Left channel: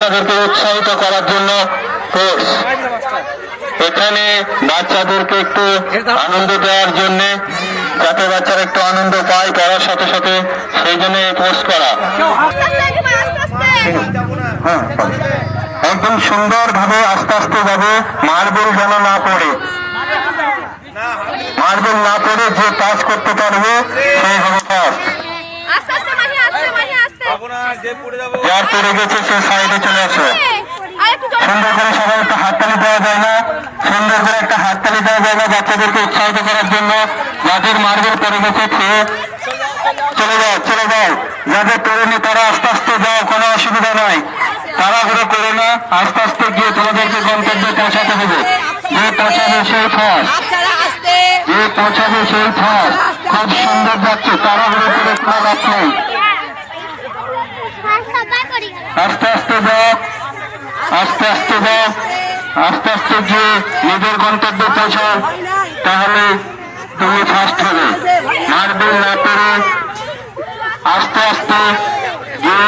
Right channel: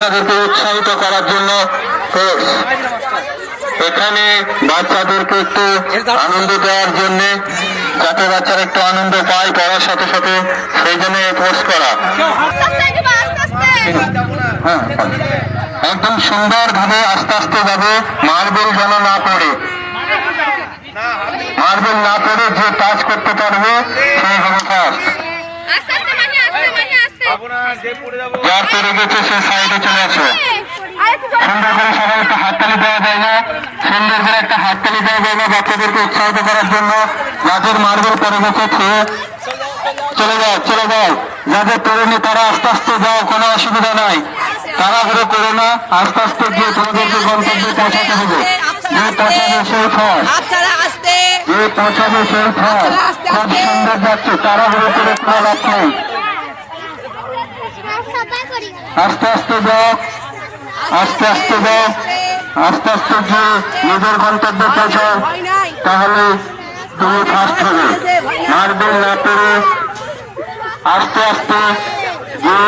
তাদেরকে উৎসাহিত করার জন্য এখানে বাচ্চাদেরকে একটু আনন্দ দেওয়ার জন্য, যাতে বাচ্চারা একটু আনন্দ পায় পড়ার সাথে সাথে, সেই জন্য এই কোর্স করা। একদম সুন্দর ভাবে আস্তে আস্তে যাবে, মার্বেল যেন না পড়ে, মার্বেল না পড়ে যে কাজ করতে পারবে সেই হবে ফার্স্ট। যার পড়ে গেছে সে সাইডে চলে আসে। সুন্দর করে সবাই একটা হাততালি দেওয়া যায় না, সুন্দর করে একটা হাততালি দেওয়া যায় না বাচ্চাদেরকে উৎসাহিত করার জন্য। যাদের মার্বেল পড়ে গেছে চলে যাও, চলে যাও। যাদের পড়েনি তারা আস্তে আস্তে যাও, কোনো অসুবিধা নাই। তাড়াহুড়ো করে না, আস্তে আস্তে গিয়ে তোমাদেরকে গন্তব্যে পৌঁছাতে হবে। যে পৌঁছাবে সেই ফার্স্ট, যে পৌঁছাবে সেই ফার্স্ট। খুব সুন্দর যাচ্ছে, তাড়াহুড়ো করে কোনো লাভ নেই। আস্তে আস্তে যাও, আস্তে আস্তে যাও, আস্তে আস্তে গিয়ে নিজের গন্তব্যে পৌঁছাও, তাহলে তুমি ফার্স্ট হবে। মার্বেল না পেরে আস্তে আস্তে গিয়ে